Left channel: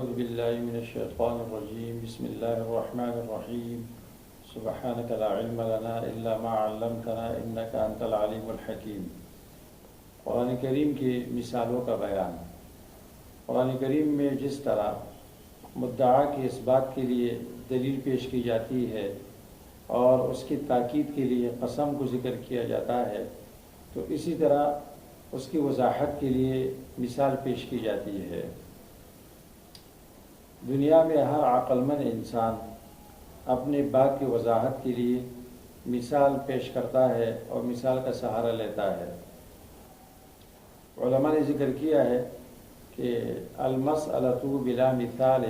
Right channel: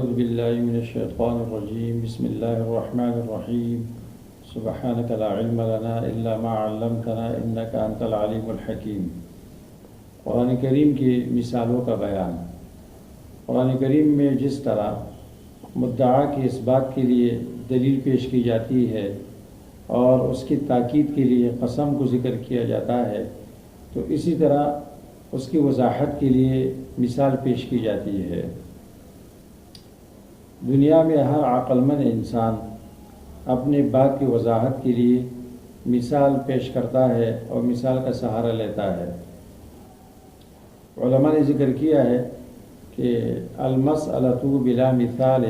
أعوذ بالله من الشيطان الرجيم بسم الله الرحمن الرحيم سبحانك لا علم لنا إلا ما علمتنا إنك أنت العليم الحكيم۔ قرآن کریم کی مثالوں کا بیان۔ قرآن کریم میں جس طرح مدعا کی اس بات کے لیے دلیل پیش کی جاتی ہے اور اس کی تاکید کے لیے قسم کو ذکر کیا جاتا ہے، تو اسی طرح اس کی وضاحت کے لیے مثال پیش کی جاتی ہے۔ دنیا میں ہر عقل مند انسان اپنی بات کی وضاحت کے لیے مثال پیش کرتا ہے اور مثال کا سہارا لیتا ہے۔ علماء نے ذکر کیا ہے کہ المسألۃ بلا مثال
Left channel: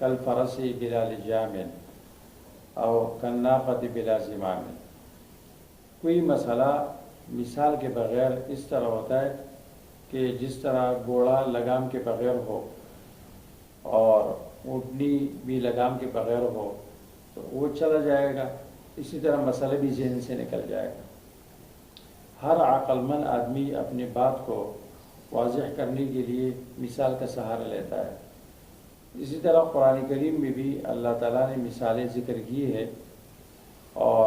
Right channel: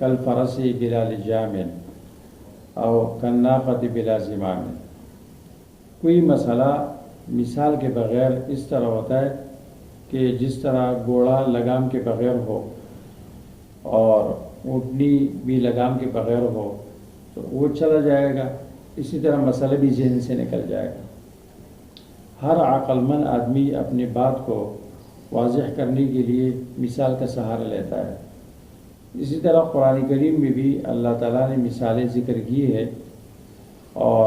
کالفرس بلا لجام او کالناقۃ بلا زمام۔ کوئی مسئلہ مثال کے بغیر اس طرح ہوتا ہے کہ جس طرح گھوڑا لگام کے بغیر ہو اور اونٹنی بھی لگام کے بغیر ہو تو وہ چلا جائے گا، اسی طرح مسئلہ بھی ذہن سے نکل جائے گا۔ ہر عقل مند آدمی اپنی بات کو واضح کرنے کے لیے مثال کا سہارا لیتا ہے۔ اسی طرح قرآن کریم میں بھی اللہ تعالیٰ نے مثالیں ذکر کی ہے اور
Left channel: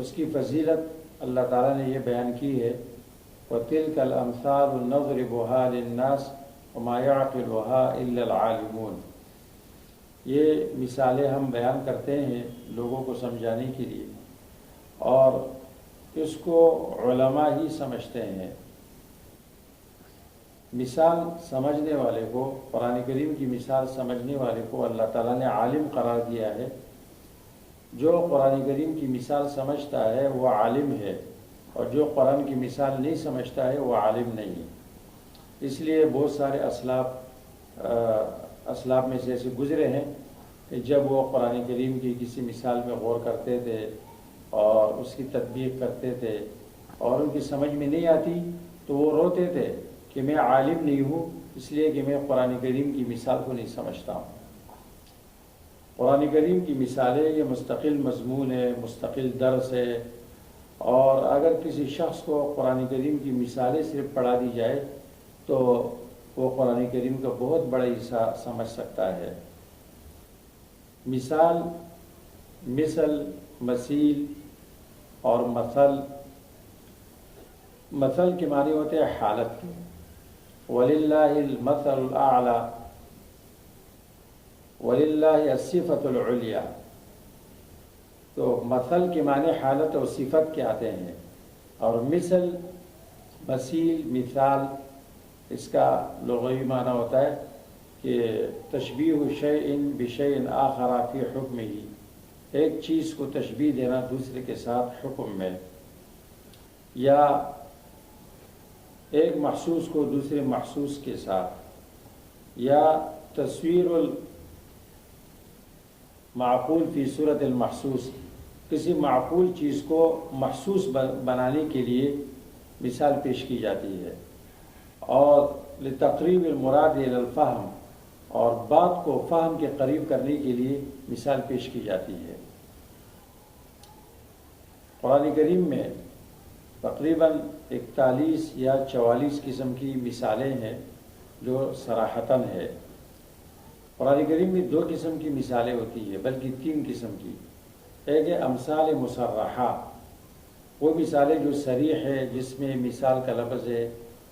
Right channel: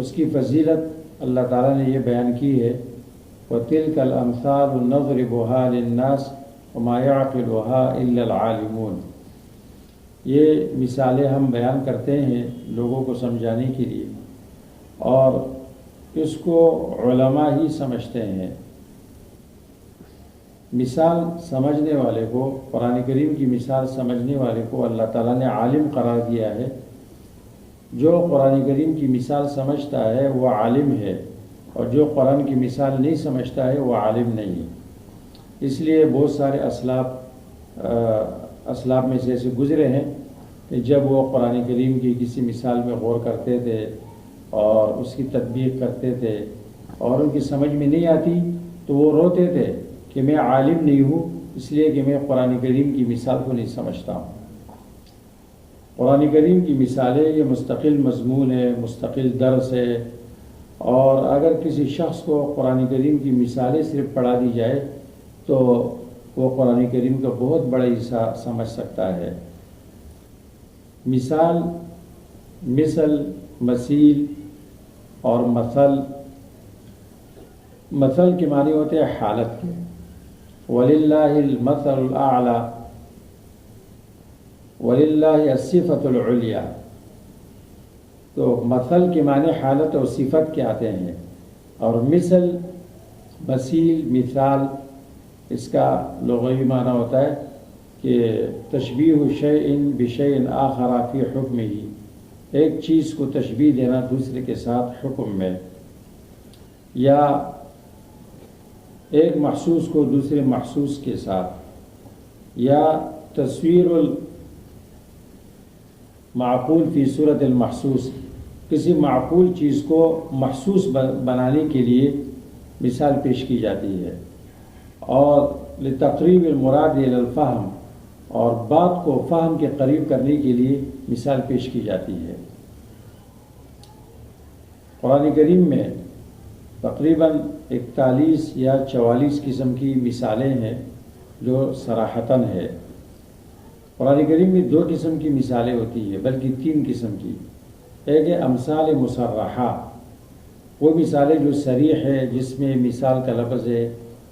اس کی فضیلت اللہ تعالیٰ نے یہ بیان کی ہے، وَتِلْكَ الْأَمْثَالُ نَضْرِبُهَا لِلنَّاسِ وَمَا يَعْقِلُهَا إِلَّا الْعَالِمُونَ۔ یہ مثالیں ہم بیان کرتے ہیں لوگوں کو سمجھانے کے لیے، اور اس کو علماء ہی سمجھتے ہیں۔ مثال سمجھنے والے کو، قرآن کریم کی مثال سمجھنے والے کو اللہ تعالیٰ نے عالم قرار دیا ہے۔ جو قرآن کریم کی مثال سمجھتا ہے وہ عالم ہے، اور جو قرآن کی مثال نہیں سمجھتا ہے وہ عالم نہیں ہے۔ اس لیے بہت سارے اسلاف میں سے ایسے گزرے ہیں کہ جب وہ قرآن کریم کی کسی مثال میں غور کرتے تھے اور اس کی تطبیق کرتے تھے اور ان کی سمجھ میں نہیں آتی تو وہ روتے تھے کہ میں عالم نہیں ہوں، اس لیے کہ میں قرآن کریم کی مثال کو نہیں سمجھتا ہوں۔ قرآن کریم کی مثالیں یہ مستقل مضمون ہے، مستقل درس ہے، اور اگر کسی شخص کو قرآن کریم کی مثالیں صرف پڑھا دی جائے تو وہ قرآن کریم کا بہت بڑا حصہ سمجھ سکتا ہے۔ مثال، مثل، مثیل اور مثل کے معنی ہوتے ہیں حالت کے۔ وَلِلَّهِ الْمَثَلُ الْأَعْلَى وَلِلَّهِ الصِّفَةُ الْعُلْيَا۔ تو مثل کے معنی حالت اور صفت کے آتے ہیں، اور مثل، مثیل، مثال، اس کا لغوی معنی ہوتا ہے کہ تشبیہ شیء بشیء آخر فی حکمہ، ایک چیز کو تشبیہ دینا دوسرے کے ساتھ حکم میں، یا ایک محسوس کو دوسرے محسوس کے ساتھ، یا تصویر المعقول فی صورت المحسوس، کسی معقول چیز کو محسوس بنانے کے لیے مثال پیش کی جاتی ہے، اور لتقریب المراد الی الفہم، اور بات کو فہم کے قریب کرنے کے لیے مثال پیش کی جاتی ہے۔ قرآن کریم میں تقریباً 41 یا 44 قسم کی مثالیں ہیں جو صراحتاً ہے۔ قرآن کریم میں 2 قسم کی مثالیں ہوتی ہیں، بلکہ 3 قسم کی۔ ایک ہے امثال مصرحہ، وہ مثالیں جو صریح ہے، جس میں مثال کا لفظ ہے،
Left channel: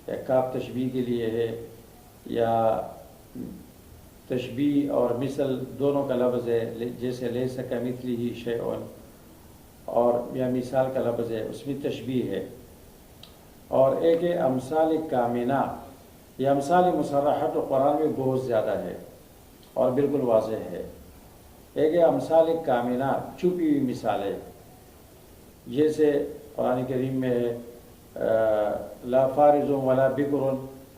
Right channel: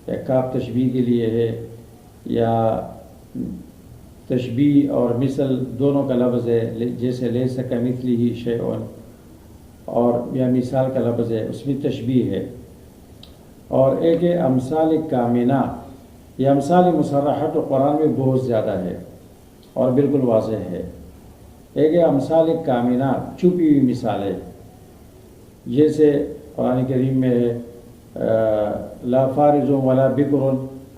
یا کاف تشبیہ کے لیے ہے، یا تشبیہ اور مثل دونوں کا لفظ ہے، جیسے لیس کمثلہ شیء، اور یا مثال کا لفظ ہے، اس میں تشبیہ ہے۔ اور ایک ہے امثال کامنہ، یہ امثال مصرحہ تو قرآن میں بہت زیادہ ہے اور بالکل واضح ہے۔ ایک ہے امثال کامنہ، چھپی ہوئی مثالیں، جیسے قرآن کریم میں ہے لا فارض ولا بکر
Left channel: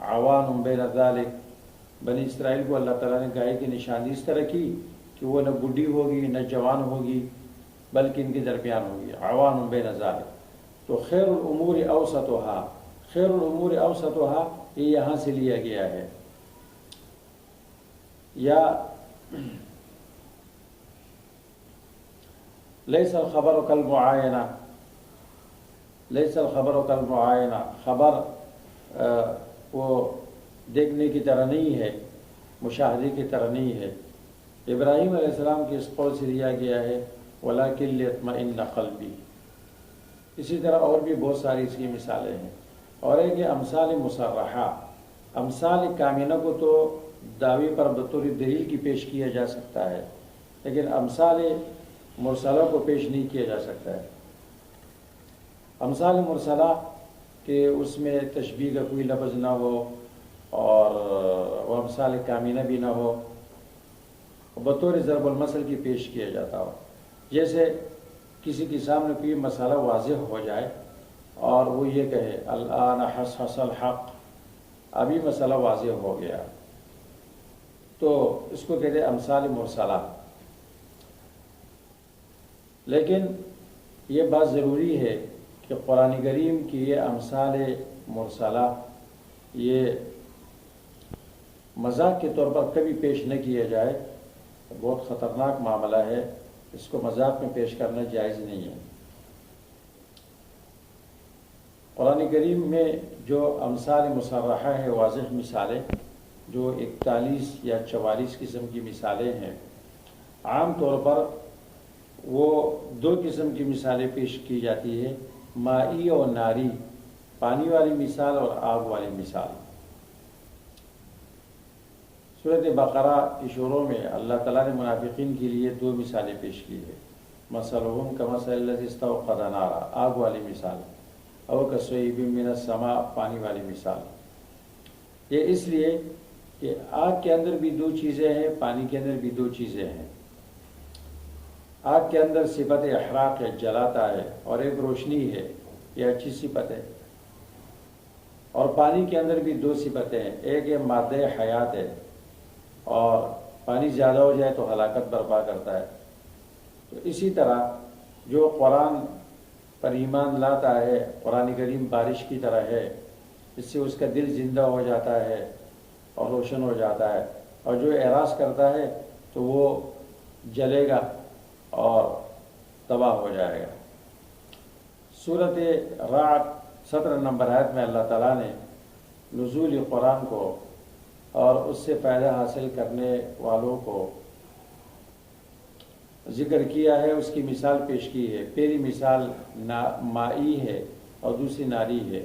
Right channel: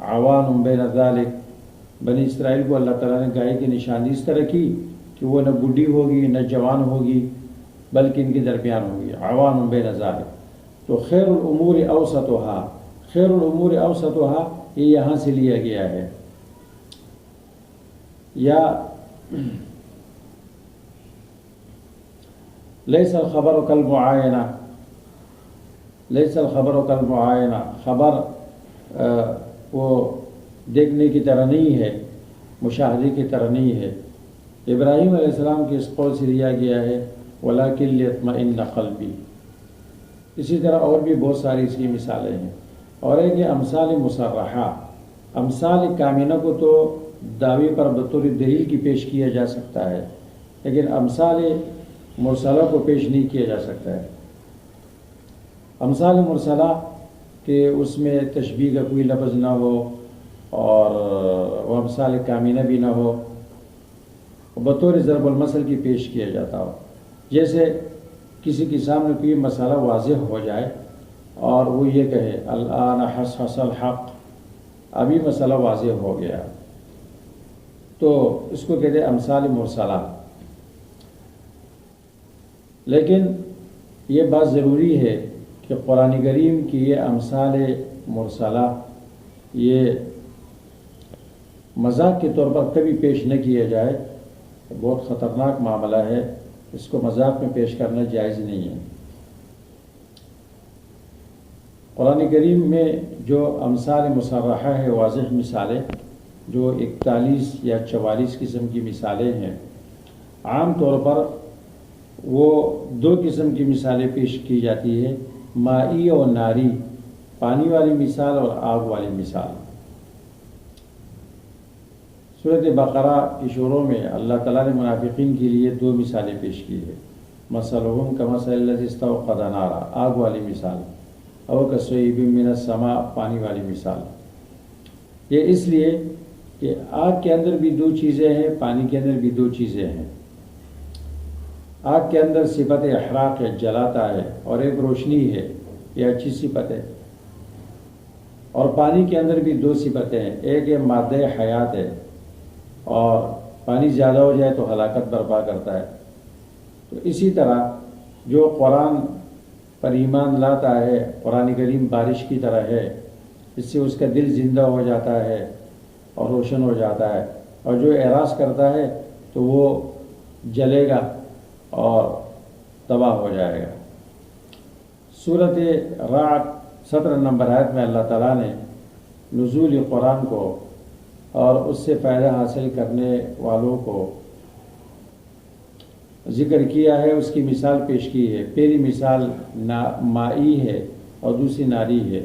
عوان بین ذلک۔ بنی اسرائیل کو اللہ تعالیٰ نے گائے کی نشانی اس طرح کی کہ وہ نہ بڈھی ہوگی نہ جوان ہوگی، بلکہ ان کے درمیان ہوگی، عوان بین ذلک۔ تو خیر الامور اوسطھا، خیر الامور اوسطھا یہ یہاں سے لیا گیا ہے۔ یا لیس الخبر کالمعائنہ، لیس الخبر کالمعائنہ، خبر وہ دیکھنے کی طرح نہیں ہے، مشاہدے کی طرح نہیں ہے۔ ابراہیم علیہ السلام کے اس قول سے لیا گیا ہے وَلَكِنْ لِيَطْمَئِنَّ قَلْبِي۔ اسی طرح اور بھی بہت ساری اس کی مثالیں ہیں۔ اور ایک یہ امثال مصرحہ، امثال کامنہ کو تو دعوی پر بطور دلیل کی پیش کیا جا سکتا ہے، لیکن امثال مرسلہ کو پیش نہیں کیا جا سکتا ہے۔ امثال مرسلہ کہ اس میں تشبیہ کا کوئی لفظ نہ ہو اور وہ امثال کامنہ بھی نہ ہو، بطور ضرب المثل کی پیش کیا جاتا ہو۔ جیسے کسی کے سامنے کوئی مسئلہ واضح ہو جائے اور وہ یہ کہے الآن حصحص الحق، ابھی مسئلہ واضح ہو گیا، تو اس کو کہتے ہیں امثال مرسلہ۔ لیکن یہ بات ضروری ہے کہ قرآن کریم کی یہ امثال مرسلہ یہ مذاق کے طور پر کبھی پیش نہ کیا جائے، بہت خطرناک معاملہ ہے، اس کو مذاق میں پیش کرنا جائز نہیں ہے۔ قرآن کریم میں جو امثال مصرحہ ہے، واضح مثالیں جو 41 یا 44 قسم کی مثالیں ہیں، عام طور پر وہ 2 قسم کی مثالیں پیش کی جاتی ہے، مائی اور ناری، پانی والی مثال اور آگ والی مثال۔ سورۃ بقرہ کی شروع میں اللہ تعالیٰ نے منافقین کے لیے 2 مثالیں پیش کی ہے، مثلہم کمثل الذی استوقد نارا، آگ والی مثال، او کصیب من السماء، پانی والی مثال۔ یہ اس لیے کہ آگ کے اندر بھی 2 چیزیں ہیں، پانی کے اندر بھی 2 چیزیں ہیں۔ آگ کے اندر صفت احراق ہے، جلاتا ہے، اور ایک روشنی ہے، یہ اچھی صفت ہے۔ اور پانی کے اندر بھی 2 صفتیں ہیں، ایک ہے مادہ حیات ہے، اور پانی زیادہ ہو جائے تو ہلاکت برپا کرتا ہے۔ تو اسی طرح جو قرآن پر ایمان لاتا ہے، قرآن کریم بارش کی طرح ہے، اس سے اس کا دل زندہ ہو جاتا ہے اور روشن ہو جاتا ہے، اور جو اعراض کرتا ہے تو وہ جلے گا اور تباہ ہو جائے گا۔ سورۃ رعد 17 نمبر آیت میں اللہ تعالیٰ نے نزول قرآن کو اور اس سے فائدہ حاصل کرنے والوں کو ذکر کیا ہے، اس کی مثال پیش کی ہے۔ پہلی مثال مائی ہے اور دوسری ناری ہے۔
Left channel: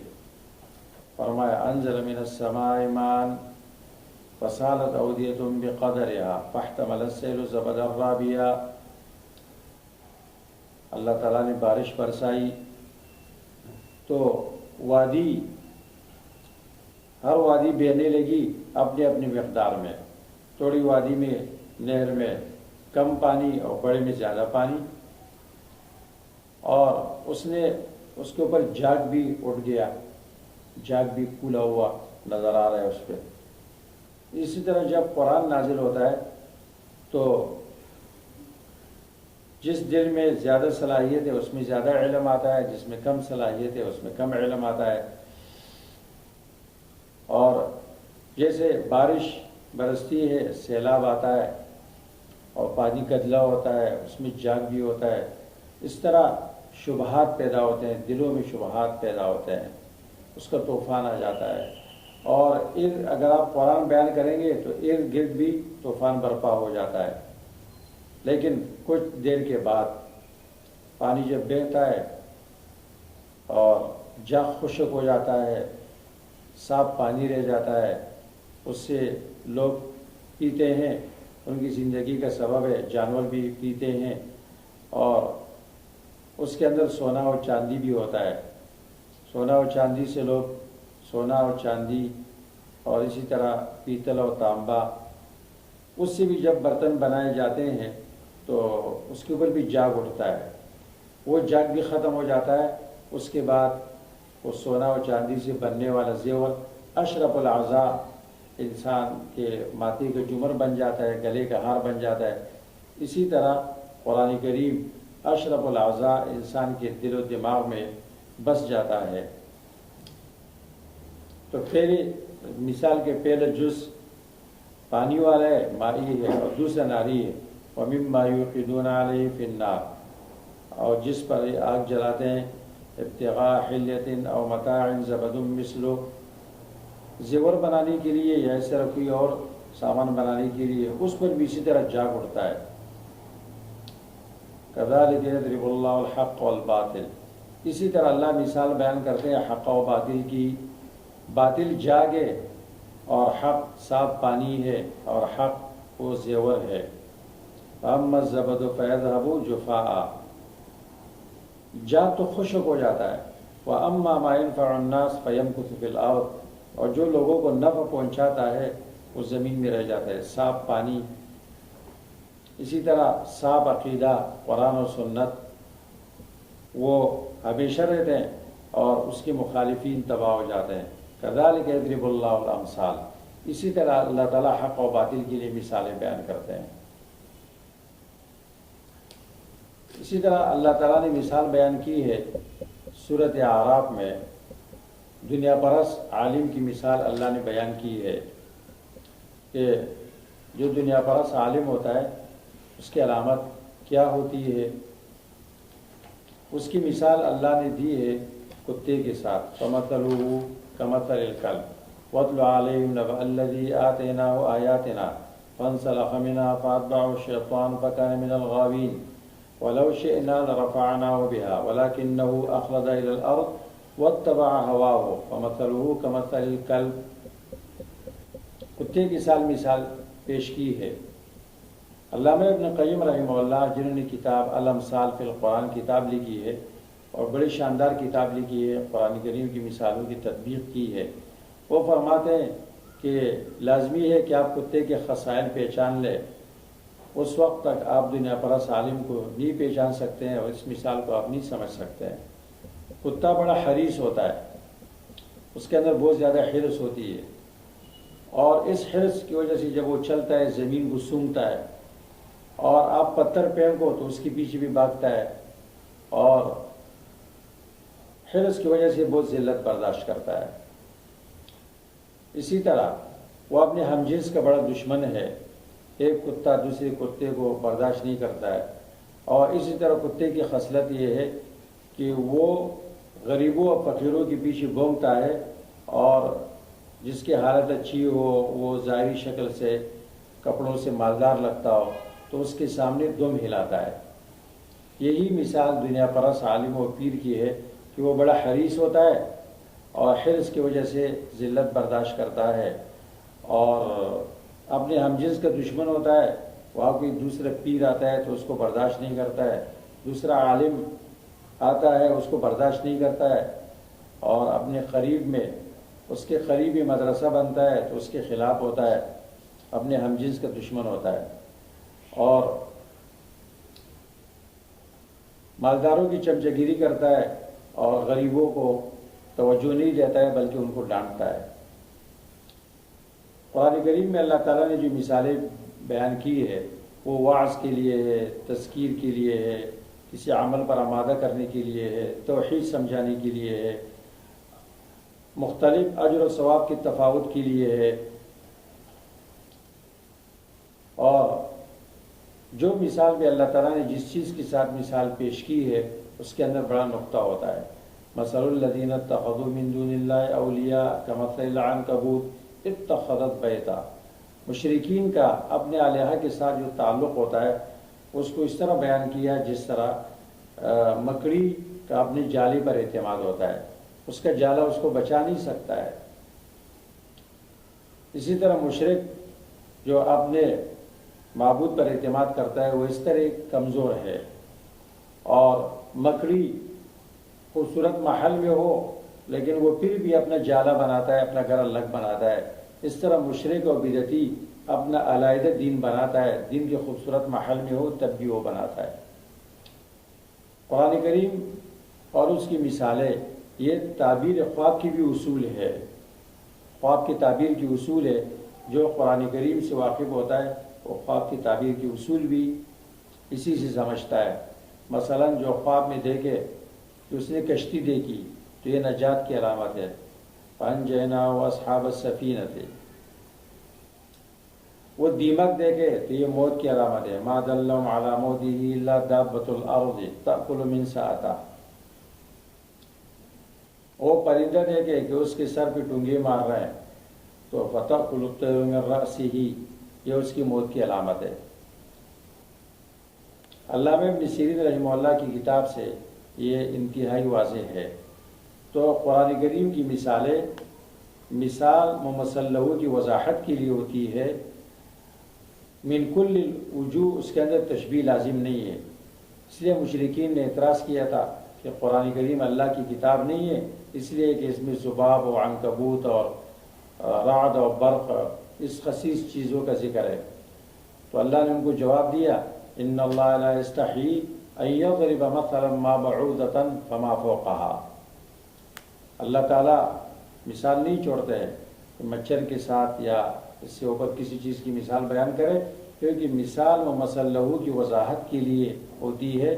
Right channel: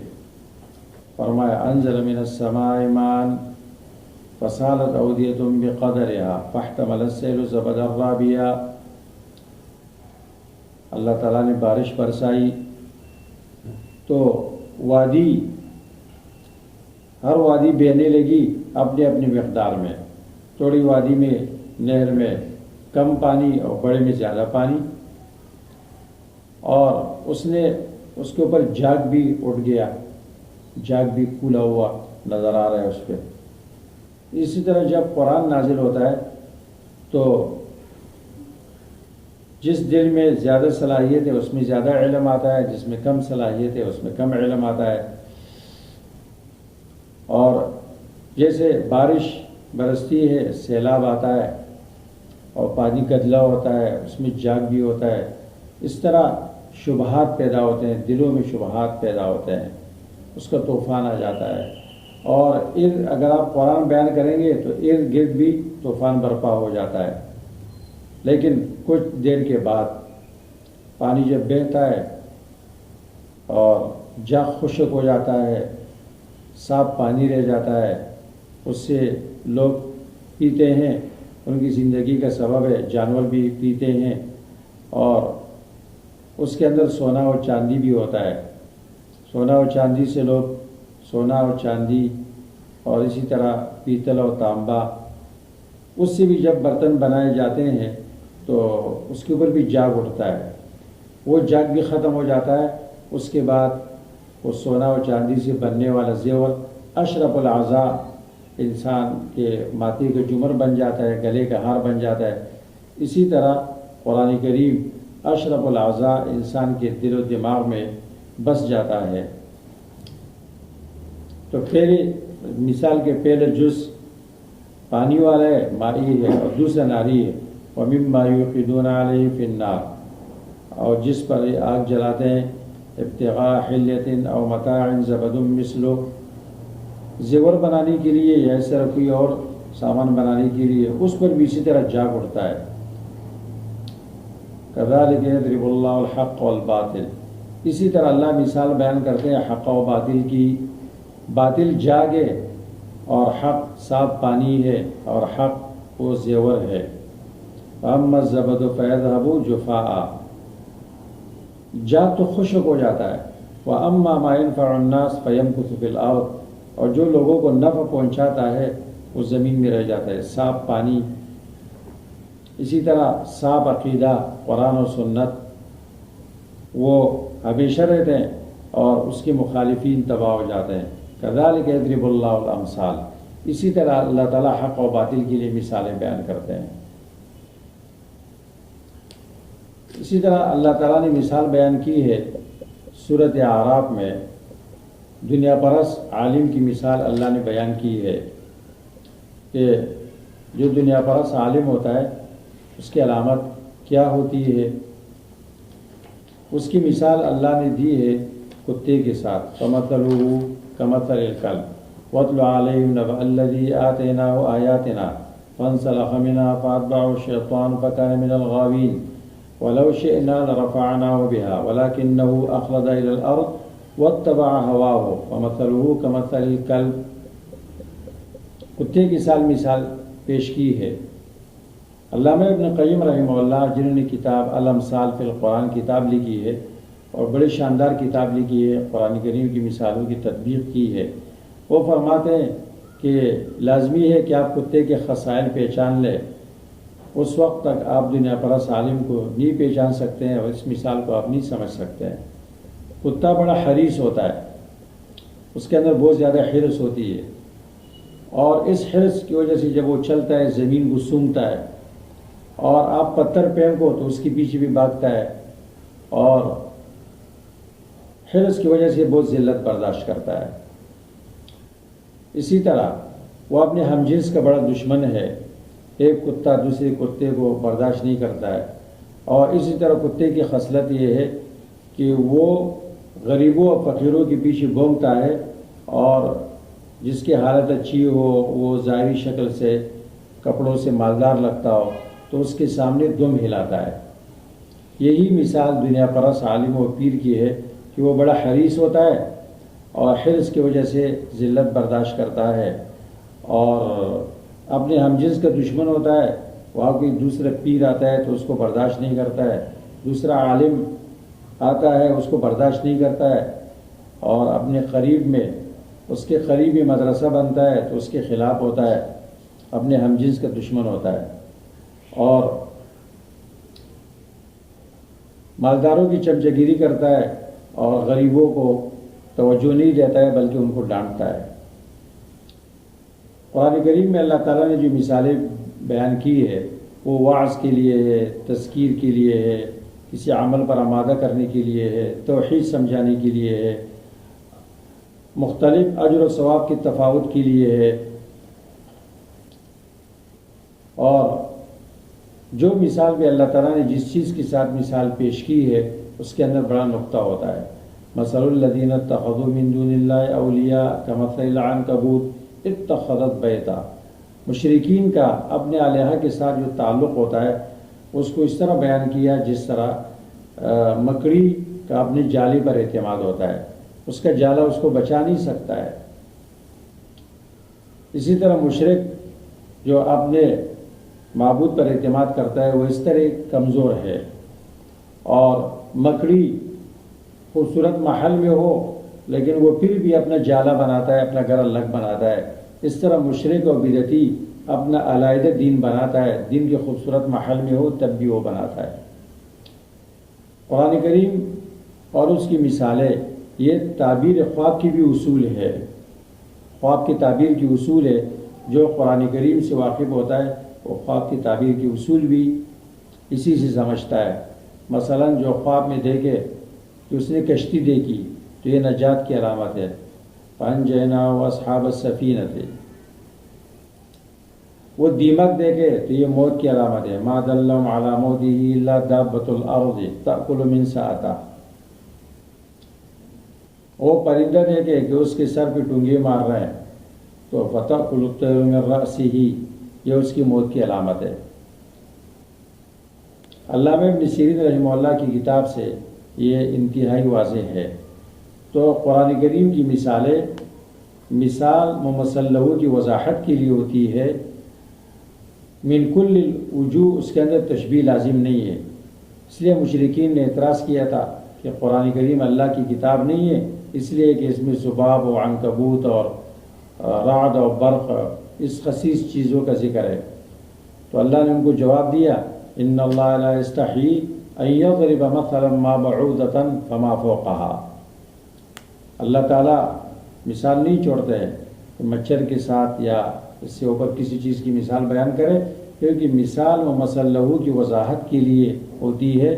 فرمایا انزل من السماء ماء فسالت اودیۃ بقدرها فاحتمل السیل زبدا رابیا۔ اللہ تعالیٰ نے بارش برسائی تو وادی، ہر وادی بہنے لگی اپنے اپنی مقدار میں، تھوڑی وادی میں، نہر میں کم پانی اور بڑے میں زیادہ پانی، اور اس کے اوپر جاگ بھی اٹھ گیا، جاگ بھی کھلا ہوا نظر آ رہا ہے اس پہ۔ اسی طرح جب قرآن نازل ہوتا ہے تو جس دل میں زیادہ صلاحیت ہے اس میں زیادہ علم آتا ہے، جس میں کم صلاحیت ہے اس میں کم علم آتا ہے۔ اور جیسے بارش برستی ہے، سیلاب آتا ہے اور پانی گدلا ہوتا ہے، اس میں جاگ بھی ہوتا ہے، اس طرح شبہات پیدا ہوتے ہیں، دلوں میں شبہات پیدا ہوتے ہیں، اس کا طوفان آ جاتا ہے۔ اور اگر آپ قرآن بیان کریں گے تو ارد گرد بھی طوفان برپا ہو جاتا ہے، لیکن کچھ دیر کے بعد پانی جب بہتا ہے اور جاگ خشک ہو جاتا ہے، صاف پانی رہ جاتا ہے، اس سے لوگ پیتے ہیں، ان کی زندگی کا سبب ہے، جانور بھی پیتے ہیں، اور اس کے اندر سونا اور چاندی بھی ہوتا ہے۔ سونا اور چاندی سے لوگ سونا اور چاندی اور اسی طرح پیتل اور تانبا، اس سے بھی جب برتن بنائے جاتے ہیں تو اس کے اوپر بھی جاگ اٹھتا ہے، وہ جاگ بھی ختم ہو جاتا ہے۔ اس کے بعد وہ سونا اور چاندی سے بننے والا زیور اشرف الاعضاء، انسان کے ماتھے کا جمر بن جاتا ہے، گلے کا ہار بن جاتا ہے۔ اسی طرح قرآن کریم اشرف الاعضاء انسان کے دل و دماغ میں بس جاتا ہے۔ تو پہلے مثال کے پہلے جز پانی والا ہے، مائی ہے، اور دوسرا ناری ہے، وَمِمَّا يُوقِدُونَ عَلَيْهِ فِي النَّارِ، اور جس پر آگ جلاتے ہیں، ابتغاء حلیۃ او متاع زبد مثلہ، زیور بنانے کے لیے یا اس طرح کوئی اور سامان بنانے کے لیے، اس پر بھی اسی طرح جاگ اٹھتا ہے۔ کذالک یضرب اللہ الحق والباطل، اسی طرح اللہ مثال بیان کرتے ہیں حق و باطل کی۔ باطل جاگے اور حق صاف پانی ہے، اور حق وہ زیور ہے۔ فاما الزبد فیذهب جفاء، جاگ تو خشک ہو جاتا ہے۔ واما ما ينفع الناس فيمكث في الارض، اور جو لوگوں کو نفع پہنچاتا ہے وہ زمین میں رہ جاتا ہے، صاف پانی۔ اسی طرح صاف عقیدہ قرآن و سنت وہ ہمیشہ رہتے ہیں، اور اس کے مخالفین تباہ ہو جاتے ہیں۔ کذالک یضرب اللہ الامثال، اسی طرح اللہ تعالیٰ حق و باطل کے لیے مثالیں بیان کرتے ہیں۔ اسی طرح اللہ تعالیٰ نے مثال بیان کی ہے سورۃ اعراف میں، دنیا پرست عالم کی مثال اللہ نے بیان کی ہے کہ جو دنیا پرست عالم ہوتا ہے اس کی علامت کیا ہوتی ہے۔ اس کی مثال اللہ نے دی ہے کتے کے ساتھ، فَمَثَلُهُ كَمَثَلِ الْكَلْبِ وَاتْلُ عَلَيْهِمْ نَبَأَ الَّذِي آتَيْنَاهُ آيَاتِنَا فَانسَلَخَ مِنْهَا فَأَتْبَعَهُ الشَّيْطَانُ فَكَانَ مِنَ الْغَاوِينَ وَلَوْ شِئْنَا لَرَفَعْنَاهُ بِهَا وَلَكِنَّهُ أَخْلَدَ إِلَى الْأَرْضِ وَاتَّبَعَ هَوَاهُ فَمَثَلُهُ كَمَثَلِ الْكَلْبِ، کتے کی مثال پیش کی ہے۔ علامہ ابن قیم رحمہ اللہ، جنہوں نے کتاب الامثال فی القرآن کتاب لکھی ہے اور بڑی شاندار کتاب لکھی ہے، قرآن کریم کی مثالوں کی تطبیق کی ہے، وہ فرماتے ہیں کہ لازمی ہے کہ آپ کتے کے خصائل پہچان لیں، اس وقت تک آپ دنیا پرست عالم کو نہیں پہچان سکتے ہیں اور اس مثال کو آپ نہیں سمجھ سکتے ہیں۔ کتا بڑا حریص ہوتا ہے، اس کے اندر بہت زیادہ حرص ہوتی ہے، اور اس حرص کی وجہ سے جب وہ چلتا ہے زمین کو سونگھتا ہے، اور آپ پتھر پھینکو تو اس کے پیچھے بھی بھاگتا ہے، اور حرص کی وجہ سے بہت ذلت برداشت کرتا ہے۔ اسی طرح وہ اپنے ہم جنس کا بڑا دشمن ہے، ایک کتا دوسرے کتے کو برداشت نہیں کرتا ہے۔ اور اسی طرح کتے کی خصلت یہ ہے کہ وہ غریبوں اور فقیروں کے پیچھے بھونکتا ہے، اور جس کی حالت اچھی ہو، وہ ظاہری شکل سے کپڑوں سے مالدار لگتا ہو، تو اس کے سامنے دم ہلاتا ہے۔ یہی مثال دنیا پرست عالم و پیر کی ہے کہ وہ بڑا حریص ہوتا ہے اور حرص کی وجہ سے ذلت برداشت کرتا ہے، اور اپنے ہم جنس کا دشمن ہوتا ہے، وہاں کوئی دوسرا پیر آتا ہے تو اس کو برداشت نہیں کرتا ہے، دوسرا عالم آتا ہے اس کو برداشت نہیں کرتا ہے، اور اپنے قریب میں اس کے قریبی مدرسہ بنتا ہے تو اس کے خلاف ہوتا ہے، اپنے ہم جنس کا دشمن ہوتا ہے، اور مالداروں کی چمچگیری کرتا ہے اور غریبوں کو توجہ نہیں دیتا ہے بلکہ ان کو ڈانٹتا ہے۔ قرآن کریم میں اللہ تعالیٰ نے جو مثالیں بیان کی ہے وہ وعظ کے لیے ہے، تذکیر کے لیے ہے، کسی عمل پر آمادہ کرنے کے لیے ہے، توحید سمجھانے کے لیے ہے، مختلف اجر و ثواب کی تفاوت کے لیے ہے۔ اور جو مثال بھی اللہ تعالیٰ نے جس چیز کے ساتھ مثال پیش کی ہے اس کے اندر بڑا نقطہ ہوتا ہے۔ مثل الذین اتخذوا من دون اللہ اولیاء کمثل العنکبوت اتخذت بیتا، مشرکین کا اپنے الہہ کے ساتھ جو تعلق ہوتا ہے اس کو اس طرح بیان کیا جس طرح مکڑی کا اپنے جالے پر اعتماد ہوتا ہے، اس کا جالا اس کو بچا نہیں سکتا ہے۔ اسی طرح مشرک جو اپنے معبود پر اعتماد کرتا ہے وہ اس طرح کمزور ہے، اور مکڑی خوبصورت محل میں ہو لیکن وہ پھر بھی اپنا جالا بناتا ہے، اپنا گھر الگ بناتا ہے۔ اس طرح مشرک اور بدعتی اپنا علیحدہ دین بناتا ہے، دین کے خوبصورت محل میں ہو تب بھی وہ بناتا ہے۔ قرآن کریم اور اس کی مثالیں یہ تعبیر خواب کی بھی اصول ہے، خواب کی تعبیر کی اصول ہے۔ جو قرآن کریم سے واقف ہوتا ہے وہ خواب کی تعبیر کی اصول بھی اسی سے سمجھتا ہے۔ مثلا جو خواب میں دیکھے کہ اس نے کشتی دیکھی تو یہ نجات کی علامت ہے، فَأَنْجَيْنَاهُ وَأَصْحَابَ السَّفِينَةِ۔ وہ دیمک دیکھے تو یہ موت کی علامت ہے، مَا دَلَّهُمْ عَلَى مَوْتِهِ إِلَّا دَابَّةُ الْأَرْضِ تَأْكُلُ مِنْ سَأَتَهُ۔ وہ پرندہ دیکھے کہ اس کے سر پہ ٹونگے مار رہے ہیں تو فتح الطیر من رأسہ، یہ اس کی موت کی علامت ہے۔ علامہ ابن سیرین رحمہ اللہ کی کتاب سے یہ انتہائی واضح ہے۔ تو قرآن کریم کی مثالیں مثال ممثل لہو کی وضاحت کے لیے ہوتی ہے، من کل الوجوہ، اس کے اندر تشبیہ لازم نہیں ہے۔ اس لیے مشرکین نے اعتراض کیا تھا کہ قرآن کریم اللہ کی کتاب نہیں ہے، اس لیے کہ اس میں ذباب و عنکبوت اور رعد اور برق، اس خسیس چیزوں کا ذکر ہے۔ تو اللہ نے ان کو جواب دیا، ان اللہ لا یستحیی ان یضرب مثلا ما بعوضۃ فما فوقہا، اللہ تعالیٰ مثال نہیں چھوڑتے ہیں کہ مچھر کے ساتھ یا اس سے اوپر کسی چیز کی مثال بیان کرے، کیونکہ مثال ممثل لہو کی وضاحت کے لیے ہوتی ہے۔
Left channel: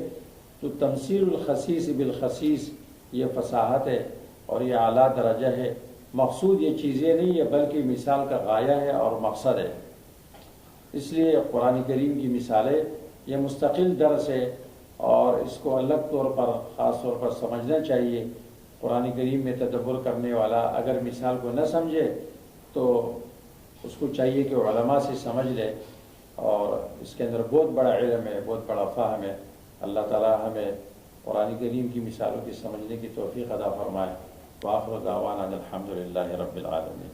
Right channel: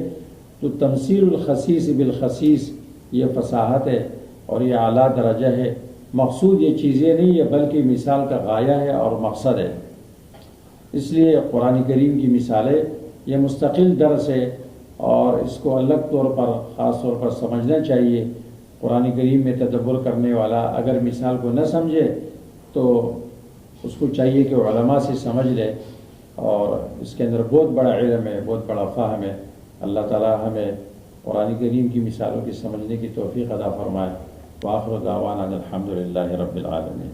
تو تمثیل الخسیس بالخسیس یہ فصاحت ہے اور یہ اعلیٰ درجہ ہے۔ مقصود یہ چیزیں نہیں ہے بلکہ مثال کا غایہ ہے اور مقصد ہے۔ اس لیے قرآن کریم کی مثالیں یہ مستقل درس ہے اور اس کو الگ طور پر خاص طور پر سمجھنا چاہیے۔ قرآن کریم میں تدبر کرنے والا اگر مثال کو نہ سمجھے تو اس کو چاہیے کہ وہ علماء سے سمجھ لے، اور اس کے اندر بہت بڑا علم ہے، بہت بڑا فہم ہے۔ اللہ تعالی ہمیں قرآن کریم کی مثالوں کی سمجھنے کی توفیق عطا فرمائے۔ وآخر دعوانا الحمد للہ رب العالمین۔